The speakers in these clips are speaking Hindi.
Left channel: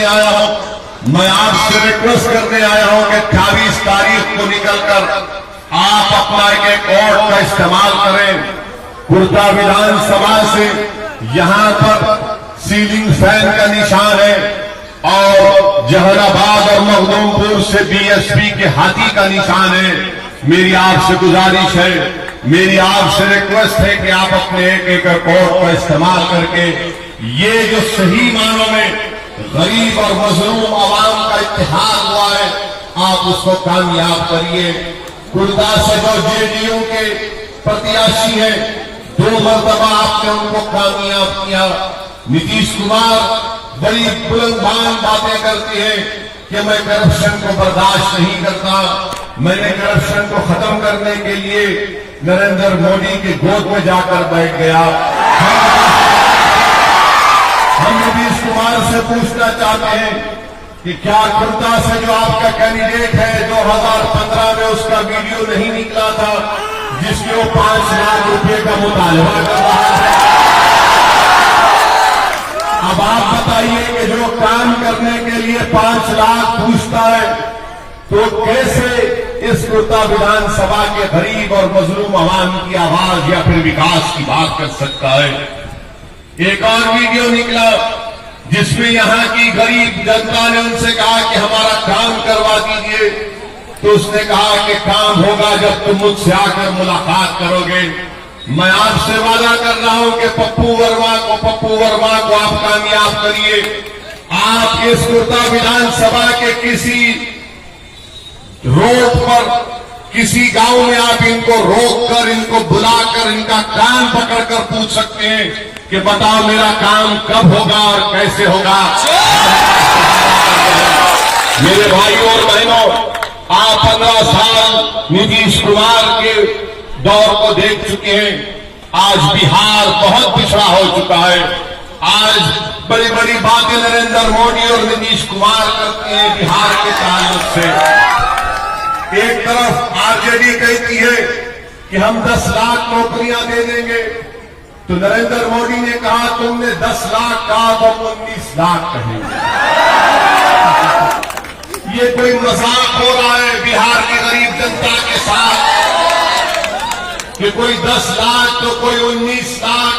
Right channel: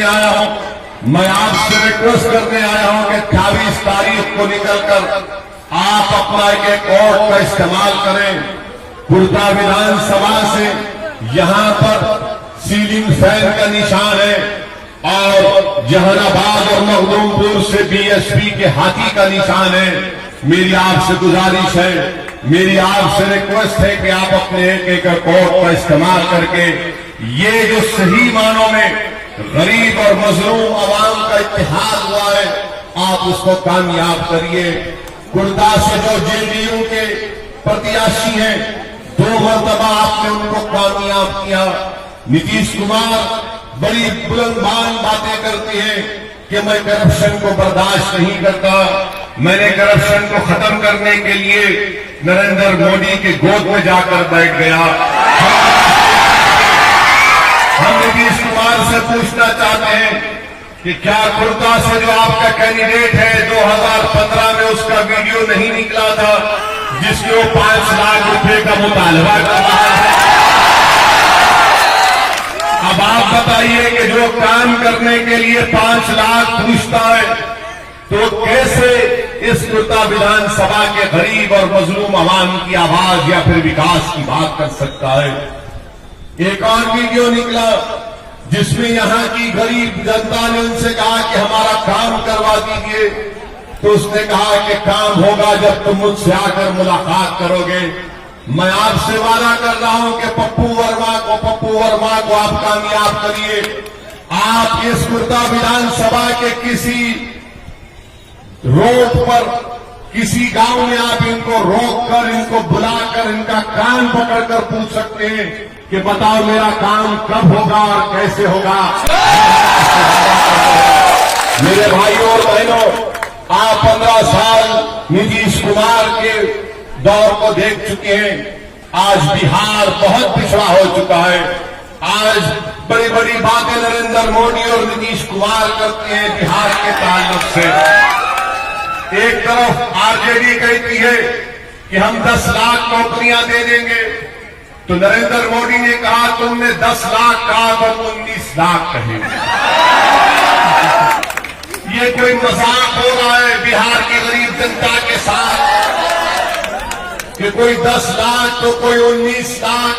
करने आया हूं, मैं आपसे रिक्वेस्ट करने आया हूं कि 28 तारीख को निकलकर आप अपना एक वोट का इस्तेमाल करें। कुर्ता विधानसभा से यहां पर सीलिंग फैन का निशान है और जहानाबाद और मखदूमपुर से बीएसपी के हाथी का निशान है। मेरी आपसे गुजारिश है, मेरी आपसे रिक्वेस्ट है कि आप अपने एक एक वोट का इस्तेमाल करके ये जो सही मानों में गरीब और मजलूम आवाम का इत्तेहाद हुआ है, आप उसको कामयाब करिए। कुर्ता से जो जेडीयू के प्रत्याशी हैं, 2 मरतबा आपने उनको कामयाब किया। नीतीश कुमार बड़ी बुलंदबान बातें करते हैं कि मैं करप्शन को बर्दाश्त नहीं करता, मैंने करप्शन को खत्म करने के लिए नरेंद्र मोदी के गोद में जाकर बैठ गया। हम नीतीश कुमार से पूछना चाहते हैं कि क्या कुर्ता से जो आपका कैंडिडेट है 2015 में उसका वीडियो नहीं निकला था जिसके वो 5 लाख रुपए का मुतालबा कर रहा है? अब आप बताइए कि जो काम करने के लिए 5 लाख पूछता है तो कैसे इस कुर्ता विधानसभा के गरीब और मजलूम आवाम की आवाज या फिर विकास की बात कर सकता है? एक और वीडियो निकला जिसमें यहां की गरीब जनता ने उनसे कहा कि हमारा काम करवा दीजिए, तो उसने कहा कि काम होगा जब तुम मुझसे आकर मुलाकात करोगे। मैं आपसे वादा कर रहा हूं कि पप्पू वर्मा को आप कामयाब करिए। आप इस कुर्ता विधानसभा के किसी रोड पर, किसी गांव में आप इनको रोककर, इनको बुलाकर, इनका कान पकड़कर पूछ सकते हैं कि बताओ मेरा काम कब होगा और कैसे होगा। मेरे भाइयों और बहनों, आप 15 साल नीतीश कुमार के दौर को देख चुके हैं। आज बिहार बहुत पिछड़ा हो चुका है। आज बड़ी बड़ी बातें नरेंद्र मोदी और नीतीश कुमार करते हैं बिहार के ताल्लुक से। एक तरफ आरजेडी कहती है कि हम 10 लाख नौकरियां दे देंगे, तो नरेंद्र मोदी ने कहा तुमने 10 लाख कहा तो 19 लाख कहेंगे। ये कोई मजाक हो रहा है बिहार की गरीब जनता के साथ कि कोई 10 लाख तो कोई 19 लाख।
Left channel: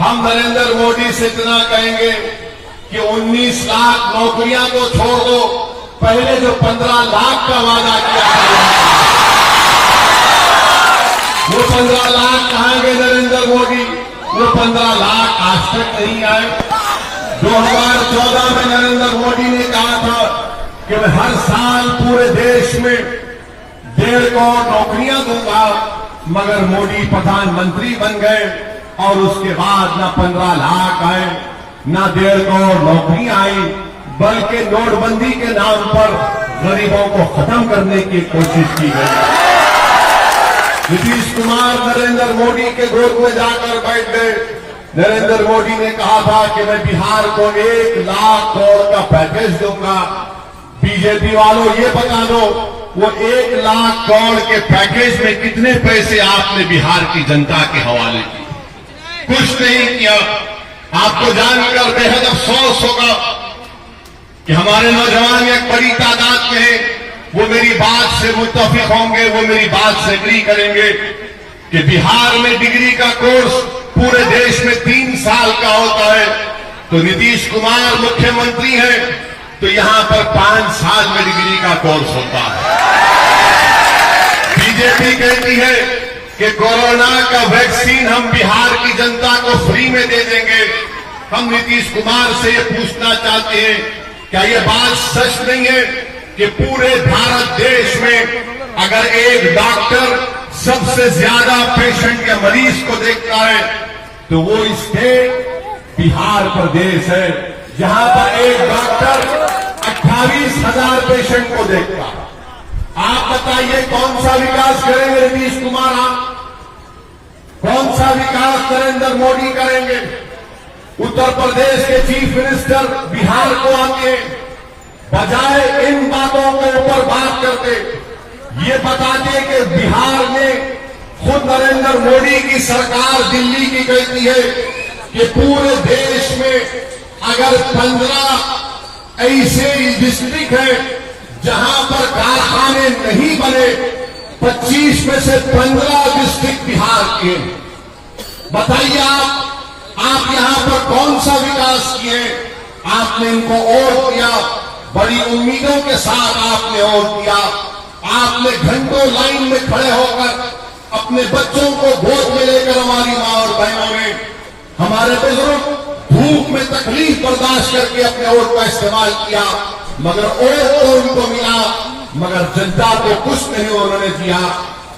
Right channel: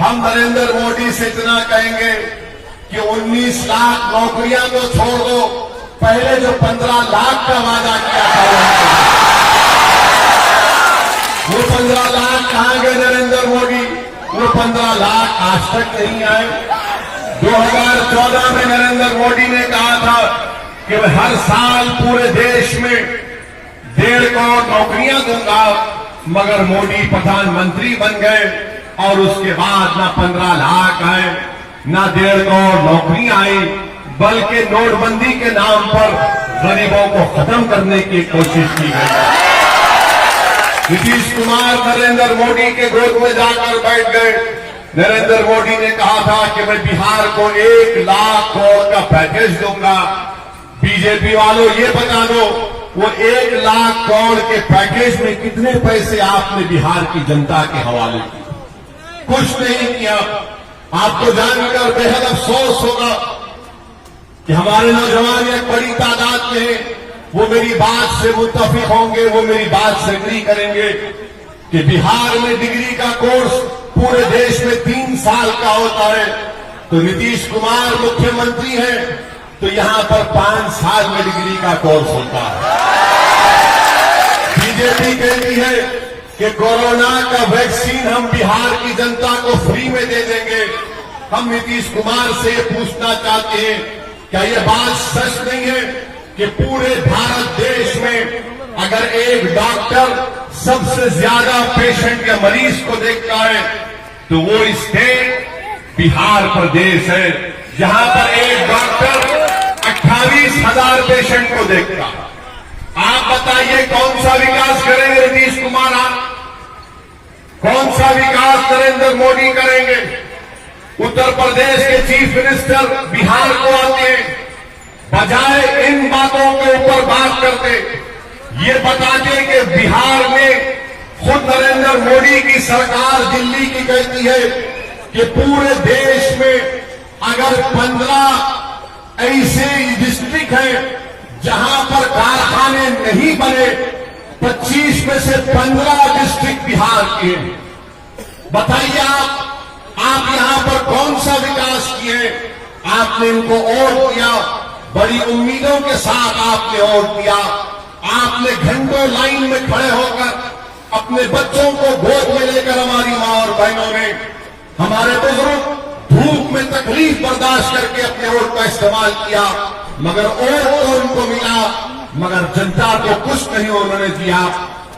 हम नरेंद्र मोदी से इतना कहेंगे कि 19 लाख नौकरियां तो छोड़ दो, पहले जो 15 लाख का वादा किया था वो 15 लाख कहां गए नरेंद्र मोदी? वो 15 लाख आज तक नहीं आए। 2014 में नरेंद्र मोदी ने कहा था कि मैं हर साल पूरे देश में 1.5 करोड़ नौकरियां दूंगा, मगर मोदी प्रधानमंत्री बन गए और उसके बाद ना 15 लाख आए, ना 1.5 करोड़ नौकरियां आई, बल्कि नोटबंदी के नाम पर गरीबों को खत्म करने की कोशिश की गई। नीतीश कुमार नरेंद्र मोदी के गोद में जाकर बैठ गए। नरेंद्र मोदी ने कहा था कि मैं बिहार को 1 लाख करोड़ का पैकेज दूंगा। बीजेपी वालों ये बता दो, वो 1 लाख करोड़ के पैकेज में कितने पैसे आपने बिहार की जनता के हवाले किए? कुछ नहीं किया। आपको जानकर बेहद अफसोस होगा कि हमारे नौजवान एक बड़ी तादाद में हैं, वो मेरी बात से मुत्तफिक होंगे, वो मेरी बात से एग्री करेंगे कि बिहार में डिग्री का कोर्स पूरे देश में 3 साल का होता है, तो नीतीश कुमार मुख्यमंत्री हैं तो यहां पर 5 साल में डिग्री का कोर्स होता है। बीजेपी कहती है कि कोरोना का वैक्सीन हम बिहार की जनता को फ्री में दे देंगे। हम नीतीश कुमार से ये पूछना चाहते हैं, क्या ये बात सच नहीं है कि पूरे भारत देश में अगर एक डॉक्टर सबसे ज्यादा पेशेंट या मरीज को देखता है तो वो स्टेट बिहार प्रदेश है, जहां पर एक डॉक्टर 28,000 पेशेंट को देखता है। आप बताइए कौन सा विकास करेंगे नीतीश कुमार? कौन सा विकास नरेंद्र मोदी करेंगे? उत्तर प्रदेश के चीफ मिनिस्टर बिहार को आते हैं, बजाय इन बातों के ऊपर बात करते, ये बताते कि बिहार में खुद नरेंद्र मोदी की सरकार दिल्ली की कहती है कि पूरे देश में अगर 15 ऐसे डिस्ट्रिक्ट हैं जहां पर कारखाने नहीं बने। 25 में से 15 डिस्ट्रिक्ट बिहार के। बताइए आप यहां पर कौन सा विकास किए? आपने इनको वोट दिया, बड़ी उम्मीदों के साथ आपने वोट दिया। आपने घंटों लाइन में खड़े होकर अपने बच्चों को गोद में लेकर हमारी मां और बहनों ने, हमारे बुजुर्ग धूप में तकलीफ बर्दाश्त करके अपने वोट का इस्तेमाल किया, मगर वोट तो उनको मिला, मगर जनता को कुछ नहीं उन्होंने दिया।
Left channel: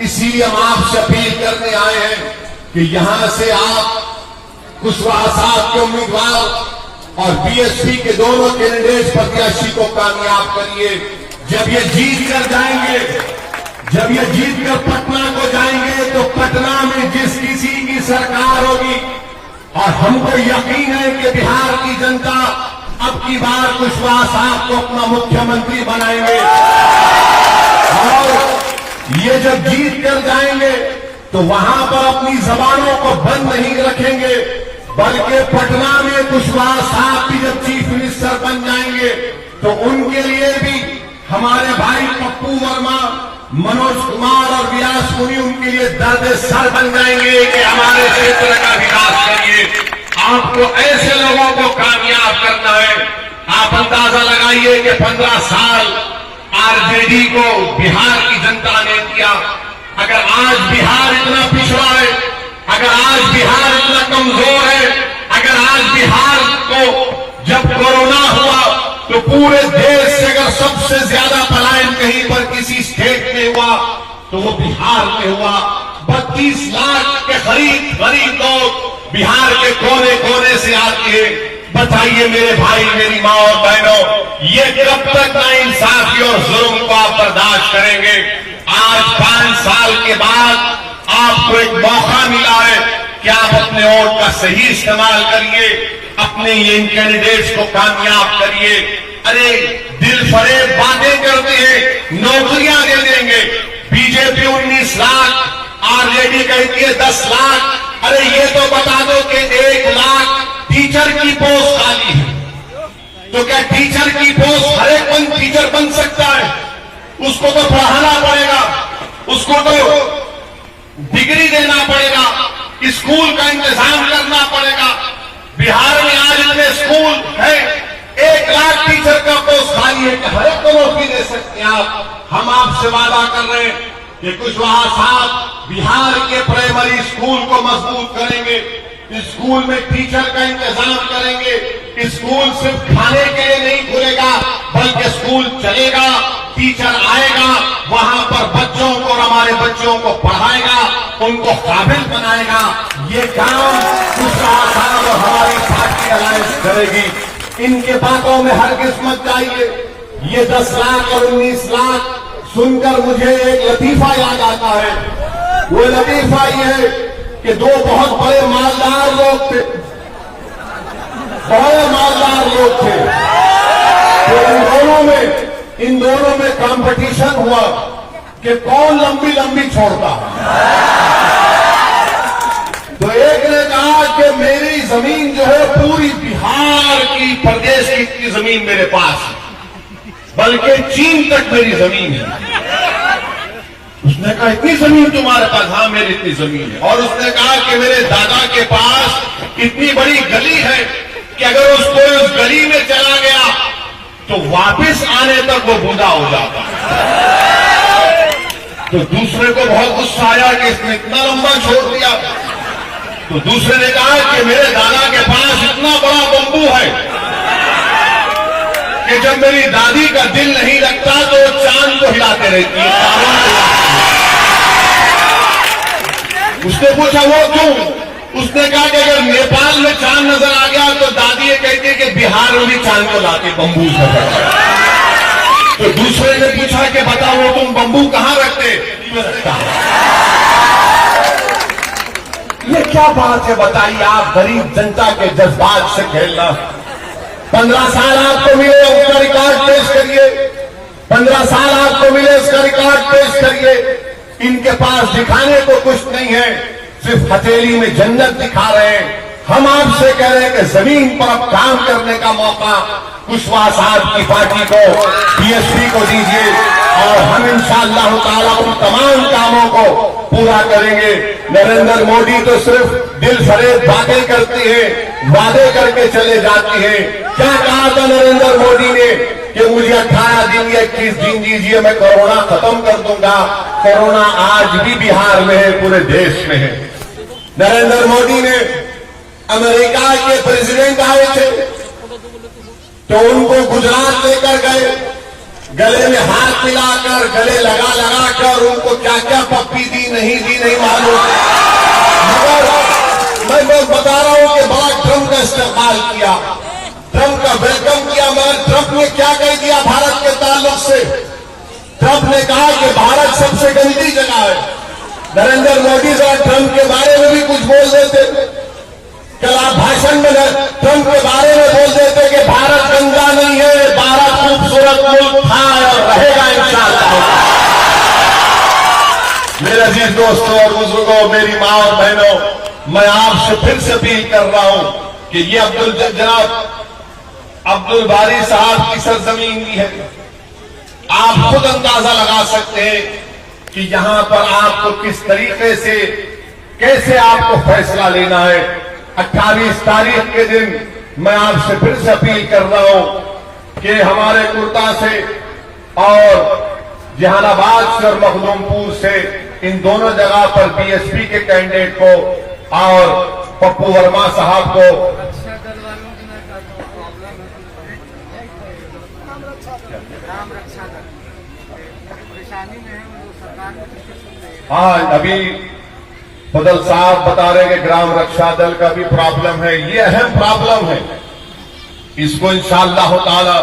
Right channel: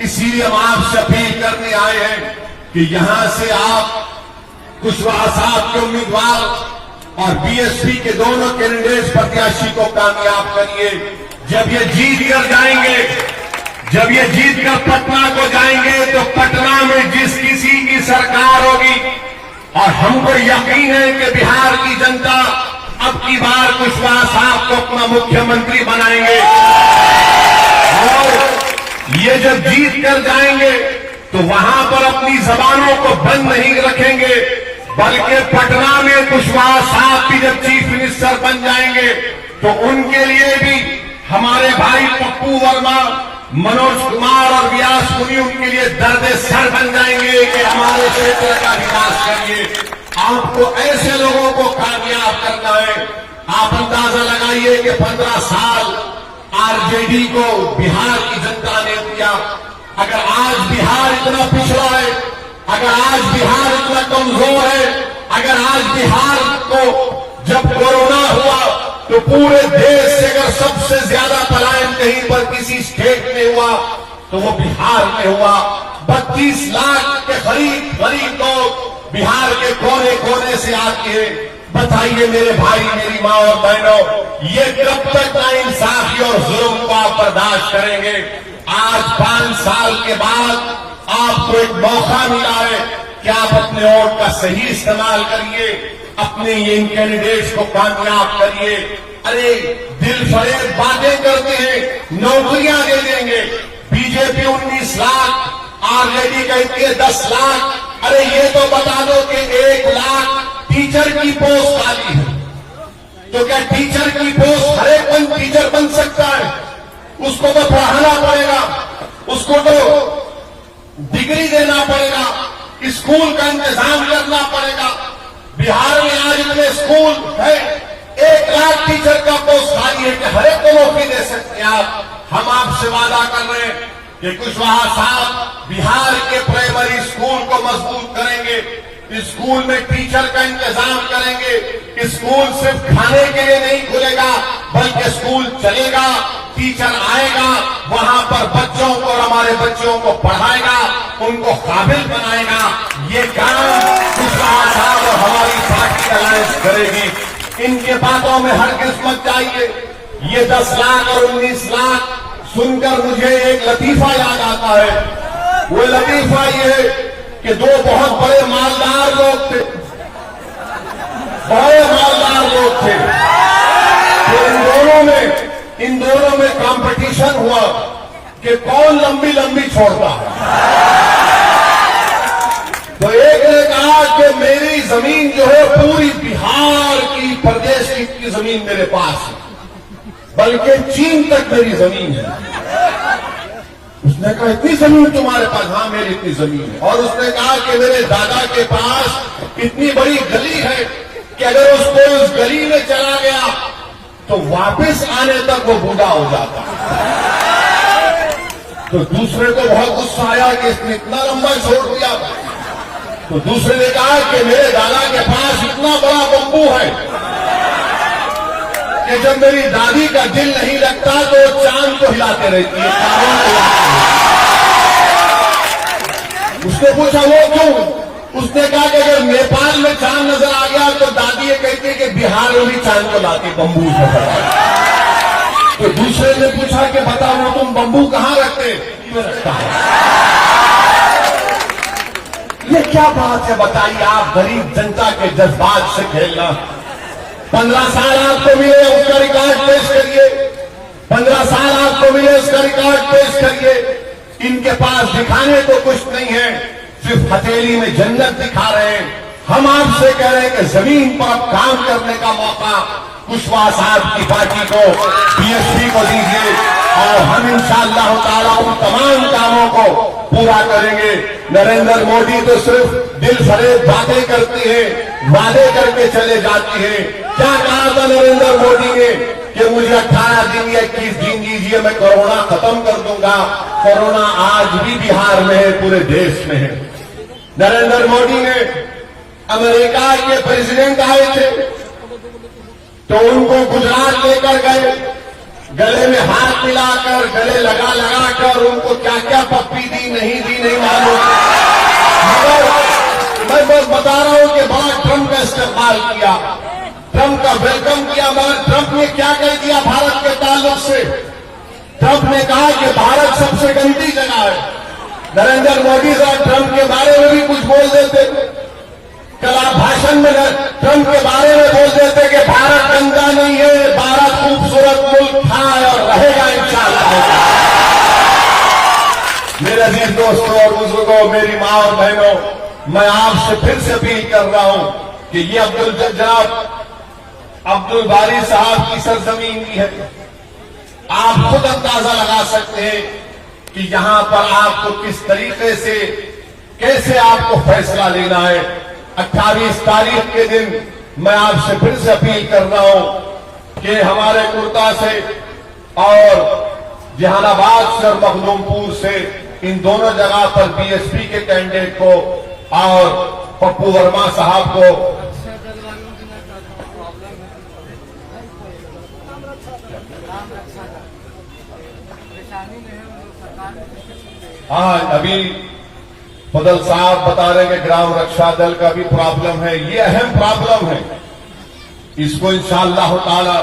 इसीलिए हम आपसे अपील करने आए हैं कि यहां से आप कुशवाहा साहब के उम्मीदवार और बीएसपी के दोनों कैंडिडेट प्रत्याशी को कामयाब करिए। जब ये जीत कर जाएंगे, जब ये जीत कर पटना को जाएंगे, तो पटना में जिस किसी की सरकार होगी, और हमको यकीन है कि बिहार की जनता अब की बार कुशवाहा साहब को अपना मुख्यमंत्री बनाएंगे। और ये जब जीत कर जाएंगे तो वहां पर अपनी जबानों को बंद नहीं रखेंगे, बल्कि पटना में कुशवाहा साहब भी जब चीफ मिनिस्टर बन जाएंगे तो उनके लिए भी हमारे भाई पप्पू वर्मा, मनोज कुमार और व्यास मुनि उनके लिए दर्द सर बन जाएंगे कि हमारे क्षेत्र का विकास करिए। आपको ऐसे लोगों को कामयाब करना है। आप अंदाजा लगाइए कि 15 साल आरजेडी को बिहार की जनता ने दिया। अगर आज बिहार इतना पिछड़ा है, अगर आज बिहार इतना कमजोर है, अगर आज बिहार को जब कोरोना हुआ तो पूरे देश से अगर सबसे ज्यादा पलायन कहीं पर किसी स्टेट में हुआ तो वो बिहार में हुआ। 32 लाख के गरीब लोग बिहार के कोने कोने से आते हैं। बताइए मेरे भाई, मेरी माँ और बहनों, ये कब तक नाइंसाफी और जुल्म को आप बर्दाश्त करेंगे? आज 5 साल के बाद आपको एक मौका मिला है कि आप अपने वोट का सही इस्तेमाल करिए, अपने इन कैंडिडेट्स को कामयाब करिए। अरे दिल फरेब बातें करते हैं, नौकरियां दे देंगे। बीजेपी 19 लाख, आरजेडी कहती है 10 लाख। अरे ये तो बता दो कि 1 लाख टीचर की पोस्ट खाली है, तो क्या टीचर की पोस्ट हर एक टीचर बन सकता है? उसको तो पढ़ाना पड़ेगा, उसको तो डिग्री देना पड़ेगा, स्कूल का इंतजाम करना पड़ेगा। बिहार में आज इतने स्कूल है, 1 लाख टीचर का पोस्ट खाली है कि हर एक को नौकरी दे सकते हैं आप। हम आपसे वादा कर रहे हैं कि कुशवाहा साहब बिहार के प्राइमरी स्कूल को मजबूत करेंगे, स्कूल में टीचर का इंतजाम करेंगे। स्कूल सिर्फ खाने के लिए नहीं खुलेगा, बल्कि स्कूल चलेगा, टीचर आएगा, वहां पर बच्चों को और हमारे बच्चों को पढ़ाएगा, उनको काबिल बनाएगा। ये काम कुशवाहा साहब और हमारी पार्टी अलायंस करेगी। इनके बातों में हर किस्मत चाहिए। ये 10 लाख और 19 लाख सुनकर मुझे एक लतीफा याद आता है। वो लतीफा ये है कि 2 बहुत बड़े मालदार लोग थे, बड़े मालदार लोग थे, तो इन दोनों में कंपटीशन हुआ कि कौन लंबी लंबी छोड़ता है। तो एक ने कहा कि मेरी जमीन जो है पूरी बिहार की, प्रदेश की जमीन मेरे पास है, बल्कि चीन तक मेरी जमीन है। उसने कहा इतनी जमीन तुम्हारे पास? हाँ मेरी इतनी जमीन है। और उसने कहा कि मेरे दादा के पास इतनी बड़ी गली है कि अगर उसको उस गली में चला गया तो वापस आने तक वो बूढ़ा हो जाता। तो दूसरे को बहुत गुस्सा आया कि इसने इतना लंबा छोड़ दिया। तो दूसरे ने कहा कि मेरे दादा के पास इतना बड़ा बंबू है कि जब मेरी दादी का दिल नहीं लगता तो चांद को हिलाते रहती है, चांद को हिलाते। उसने पूछा वो क्यों? उसने कहा कि अगर नेपाल में चांद नजर आ गया तो दादी ये कहती है कि बिहार में भी चांद को लाते बंबू से। तो दूसरे ने पूछा कि बताओ तुम बंबू कहां रखते? ये क्या बात है बताइए? आप गरीब जनता के जज्बात से खेलना। 15 साल आपको मिले, उसका रिकॉर्ड पेश करिए। 15 साल आपको मिले, उसका रिकॉर्ड पेश करिए। इनके पास दिखाने को कुछ नहीं है, सिर्फ हथेली में जन्नत दिखा रहे हैं। हम आपसे कह रहे हैं कि जमीन पर अब काम करने का मौका कुशवाहा साहब की पार्टी को, बीएसपी को दीजिए और हम इंशाअल्लाह ताला उन तमाम कामों को पूरा करेंगे। नरेंद्र मोदी तो सिर्फ दिल फरेब बातें करती है, वादे करके चले जाती है। क्या कहा था नरेंद्र मोदी ने कि मुझे 18 दिन या 21 दिन दीजिए, मैं कोरोना खत्म कर दूंगा। कोरोना आज भी बिहार में है, पूरे देश में है। नरेंद्र मोदी ने अमेरिका के प्रेसिडेंट आए थे तो उनको गुजरात लेकर गए, गले में हाथ मिलाकर, गले लगा कर उनको क्या क्या पप्पी दी नहीं मालूम, मगर मैं बस बता रहा हूं कि बड़ा ट्रंप का इस्तेमाल किया, ट्रंप का वेलकम किया। मगर ट्रंप ने क्या कह दिया भारत के ताल्लुक से? ट्रंप ने कहा कि भारत सबसे गंदी जगह है। नरेंद्र मोदी साहब ट्रंप के बारे में भी कुछ बोल देते, कल आप भाषण में ट्रंप के बारे में बोल देते कि भारत गंदा नहीं है, भारत खूबसूरत मुल्क था और रहेगा इंशाअल्लाह। मेरे अजीज दोस्तों और बुजुर्गों, मेरी मां और बहनों, मैं आपसे फिर से अपील कर रहा हूं कि ये जनाब अब्दुल बारी साहब की सरजमीन भी है। आप खुद अंदाजा लगा सकते हैं कि यहां पर आपको किस तरीके से, कैसे आपको फैसला लेना है। 28 तारीख के दिन मैं आपसे फिर से अपील कर रहा हूं कि हमारे कुर्ता से और जहानाबाद से और मखदूमपुर से इन दोनों जगह पर बीएसपी के कैंडिडेट को और पप्पू वर्मा साहब को अभी बदल साहब बता रहे हैं कि ग्राम रक्षा दल का भी प्रॉब्लम है। ये अहम प्रॉब्लम है, इसको इंशाअल्लाह ताला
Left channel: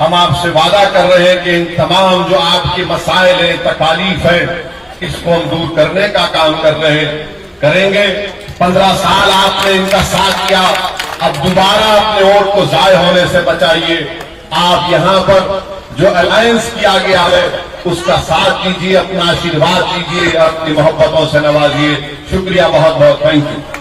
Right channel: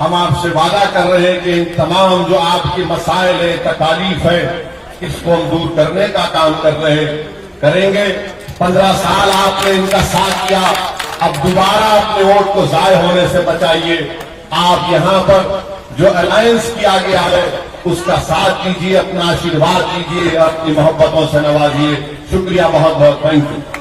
हम आपसे वादा कर रहे हैं कि इन तमाम जो आपके मसाइल है, तकालीफ है, इसको हम दूर करने का काम कर रहे हैं, करेंगे। 15 साल आपने इनका साथ किया, अब दोबारा अपने वोट को जाय होने से बचाइए। आप यहां पर जो अलायंस किया गया है उसका साथ दीजिए, अपना आशीर्वाद दीजिए, अपनी मोहब्बतों से नवाजिए। शुक्रिया बहुत बहुत, थैंक यू।